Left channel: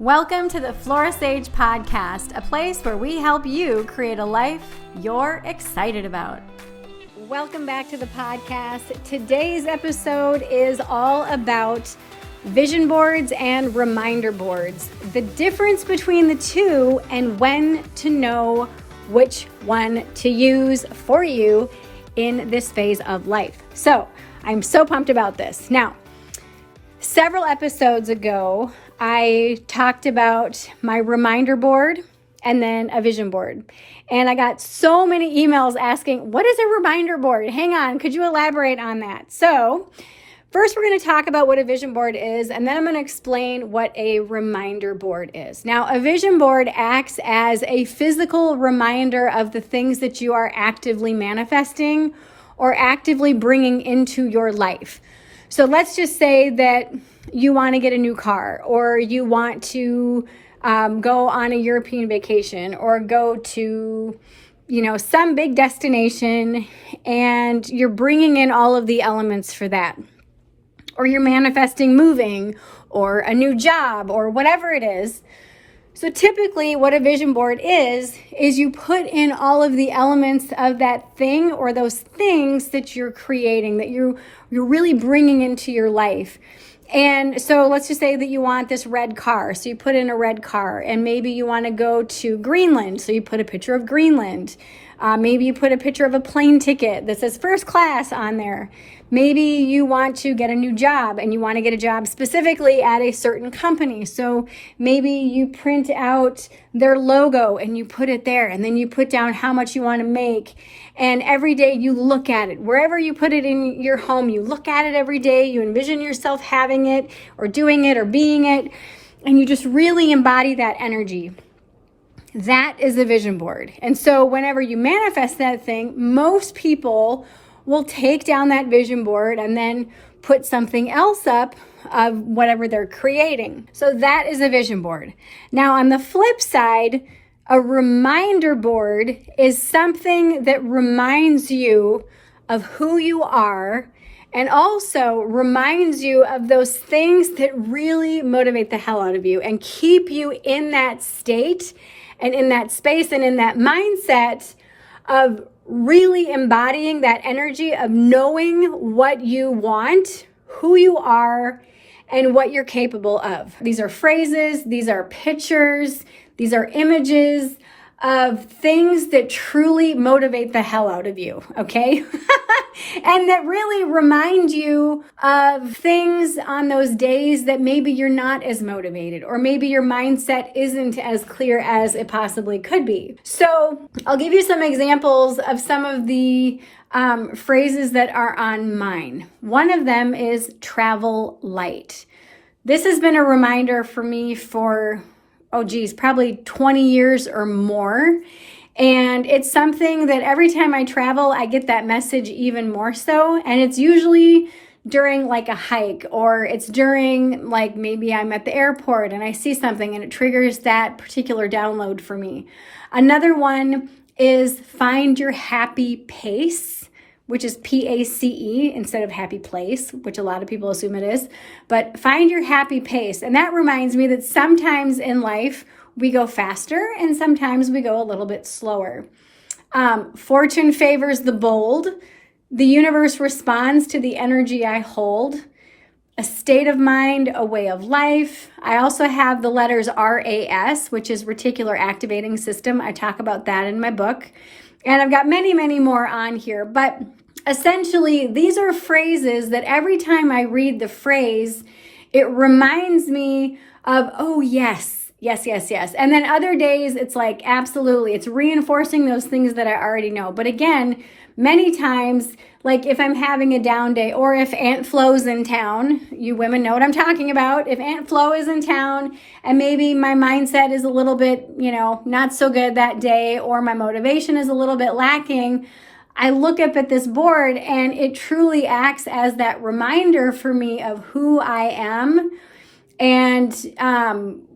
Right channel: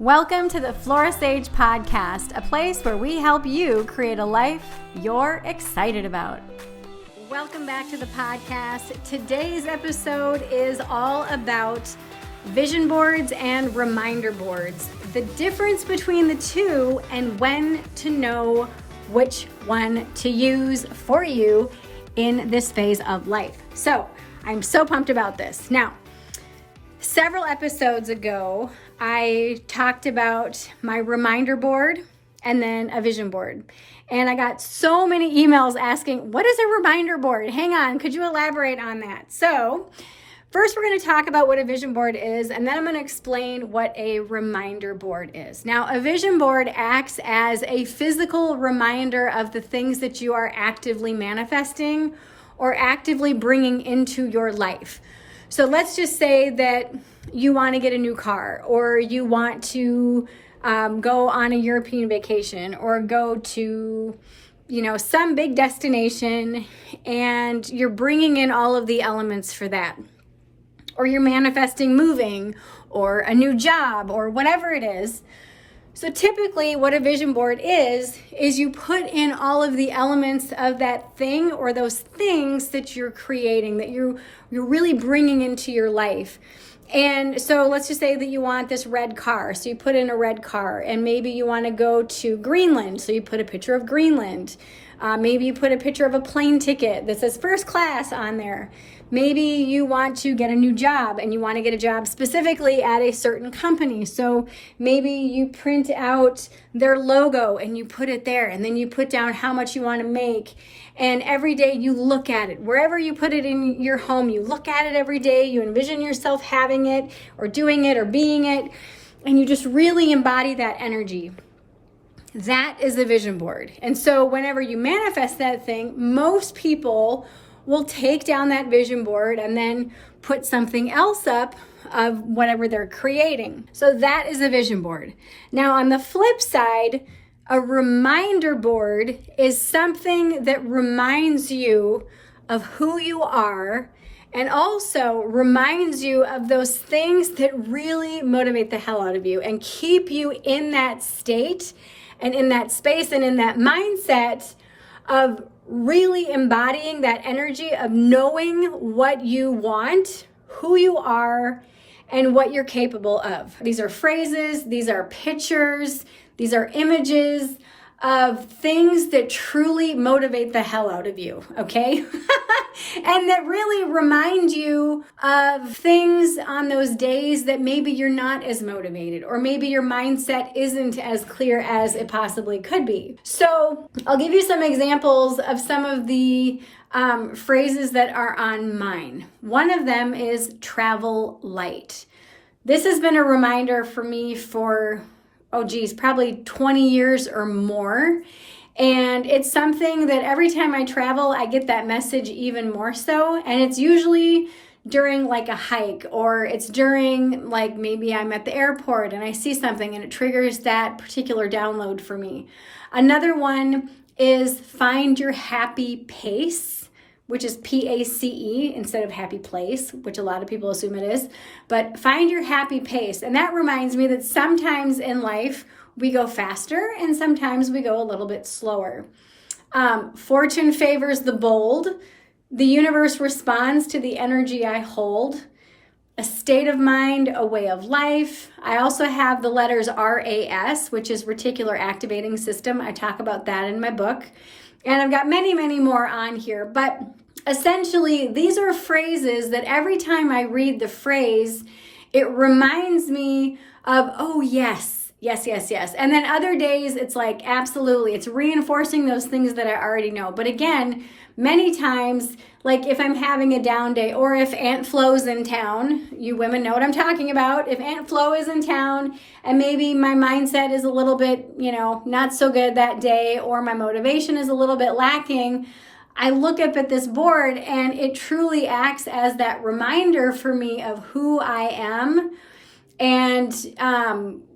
Welcome to the Flora podcast, a place where we help you create a life you're excited about. Welcome back to the podcast. Today's episode is all about vision boards and reminder boards, the difference between the two and when to know which one to use for you in this phase of life. So I'm so pumped about this. Now, several episodes ago, I talked about my reminder board and then a vision board. And I got so many emails asking, what is a reminder board? Hang on, could you elaborate on that? So first we're going to talk about what a vision board is, and then I'm going to explain what a reminder board is. Now, a vision board acts as a physical reminder of the things that you are actively manifesting or actively bringing into your life. So let's just say that you want to get a new car, or you want to go on a European vacation, or go to, some big destination, and you're bringing in all of the elements for that. Or you're manifesting moving, or a new job, or whatever it is. So typically what a vision board is you put in all of the elements of that thing or those things that you're creating, that you're really bringing into your life. And so let's just say that you want this red car. So you put in a red car, and maybe you want to go to Greenland. So you put a picture of Greenland. Maybe you put a picture of a plane ticket that says first class on there. Maybe you want to get a new job, and you want to get a job specifically at a certain company. So maybe you print out their logo and you put it there, and then you put down how much you want to make. And every day you look at it. Wherever you put it in your home, you look at it every day. You envision yourself having it or doing it or being it. And you just really embody that energy. That is a vision board. And so whenever you manifest that thing, most people will take down that vision board and then put something else up of whatever they're creating. So that is a vision board. Now, on the flip side, a reminder board is something that reminds you of who you are, and also reminds you of those things that really motivate the hell out of you and keep you in that state and in that space and in that mindset of really embodying that energy of knowing what you want, who you are, and what you're capable of. These are phrases, these are pictures, these are images of things that truly motivate the hell out of you, okay? And that really remind you of things on those days that maybe you're not as motivated, or maybe your mindset isn't as clear as it possibly could be. So I'll give you some examples of some of the phrases that are on mine. One of them is travel light. This has been a reminder for me for probably 20 years or more. And it's something that every time I travel, I get that message even more so. And it's usually during like a hike, or it's during like maybe I'm at the airport and I see something and it triggers that particular download for me. Another one is find your happy pace, which is PACE instead of happy place, which a lot of people assume it is. But find your happy pace. And that reminds me that sometimes in life we go faster and sometimes we go a little bit slower. Fortune favors the bold. The universe responds to the energy I hold. A state of mind, a way of life. I also have the letters RAS, which is reticular activating system. I talk about that in my book. And I've got many, many more on here. But essentially, these are phrases that every time I read the phrase, it reminds me of, oh, yes. And then other days, it's like, absolutely. It's reinforcing those things that I already know. But again, many times, like if I'm having a down day, or if Aunt Flo's in town, you women know what I'm talking about. If Aunt Flo is in town and maybe my mindset is a little bit, not so good that day, or my motivation is a little bit lacking, I look up at this board and it truly acts as that reminder for me of who I am and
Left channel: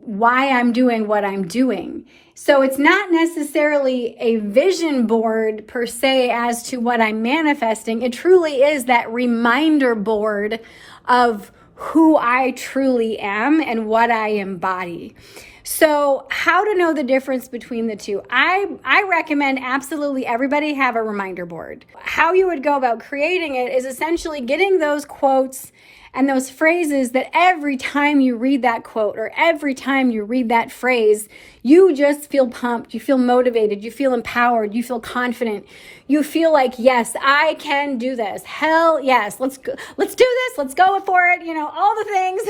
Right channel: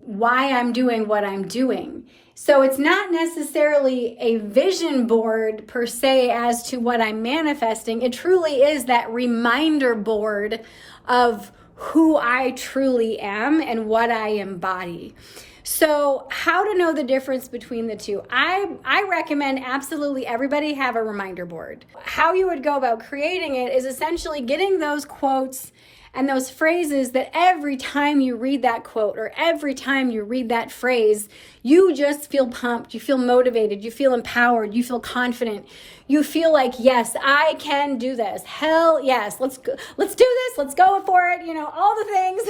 why I'm doing what I'm doing. So it's not necessarily a vision board per se as to what I'm manifesting. It truly is that reminder board of who I truly am and what I embody. So how to know the difference between the two? I recommend absolutely everybody have a reminder board. How you would go about creating it is essentially getting those quotes and those phrases that every time you read that quote or every time you read that phrase, you just feel pumped, you feel motivated, you feel empowered, you feel confident. You feel like, yes, I can do this. Hell yes, let's do this, let's go for it, all the things.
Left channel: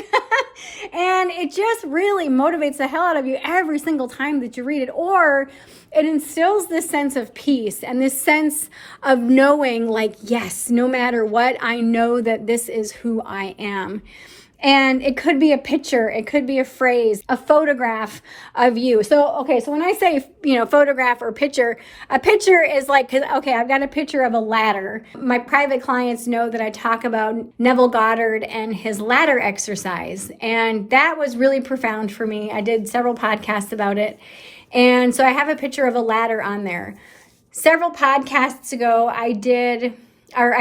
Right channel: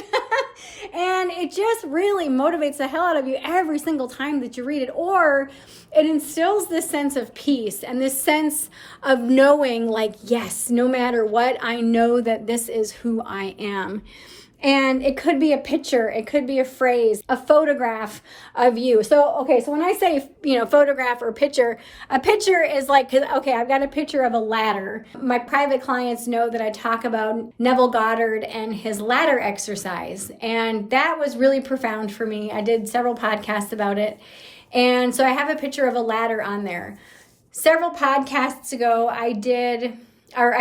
And it just really motivates the hell out of you every single time that you read it. Or it instills this sense of peace and this sense of knowing like, yes, no matter what, I know that this is who I am. And it could be a picture, it could be a phrase, a photograph of you. So when I say, photograph or picture, a picture is like, I've got a picture of a ladder. My private clients know that I talk about Neville Goddard and his ladder exercise. And that was really profound for me. I did several podcasts about it. And so I have a picture of a ladder on there. Several podcasts ago, I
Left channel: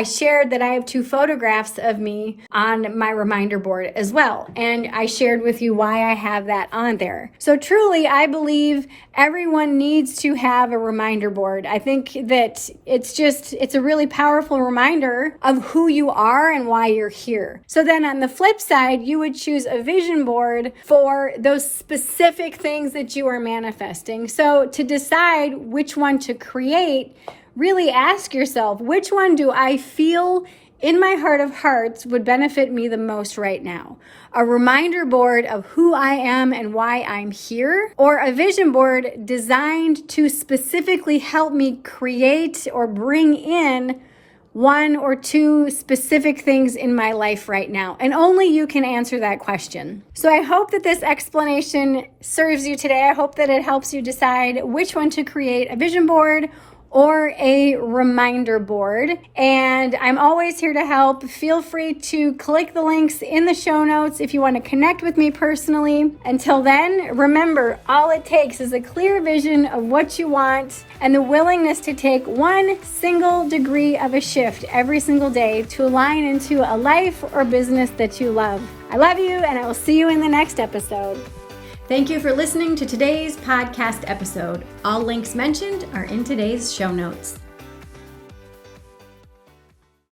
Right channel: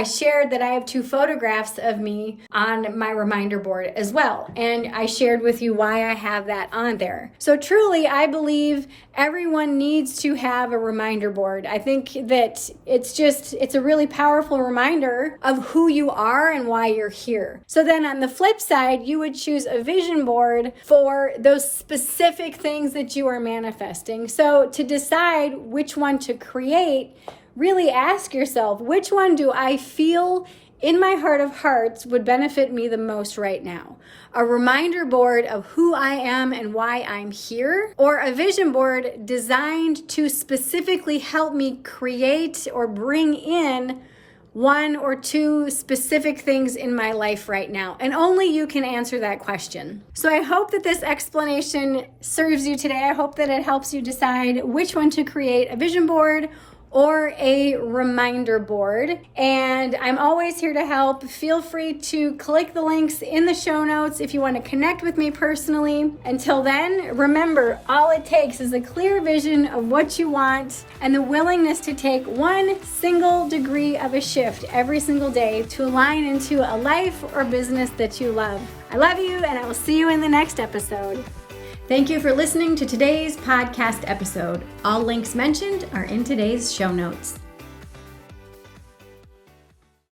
shared that I have 2 photographs of me on my reminder board as well. And I shared with you why I have that on there. So truly, I believe everyone needs to have a reminder board. I think that it's a really powerful reminder of who you are and why you're here. So then on the flip side, you would choose a vision board for those specific things that you are manifesting. So to decide which one to create, really ask yourself, which one do I feel in my heart of hearts would benefit me the most right now? A reminder board of who I am and why I'm here, or a vision board designed to specifically help me create or bring in 1 or 2 specific things in my life right now? And only you can answer that question. So I hope that this explanation serves you today. I hope that it helps you decide which one to create, a vision board or a reminder board. And I'm always here to help. Feel free to click the links in the show notes if you want to connect with me personally. Until then, remember, all it takes is a clear vision of what you want and the willingness to take 1 single degree of a shift every single day to align into a life or business that you love. I love you, and I will see you in the next episode. Thank you for listening to today's podcast episode. All links mentioned are in today's show notes.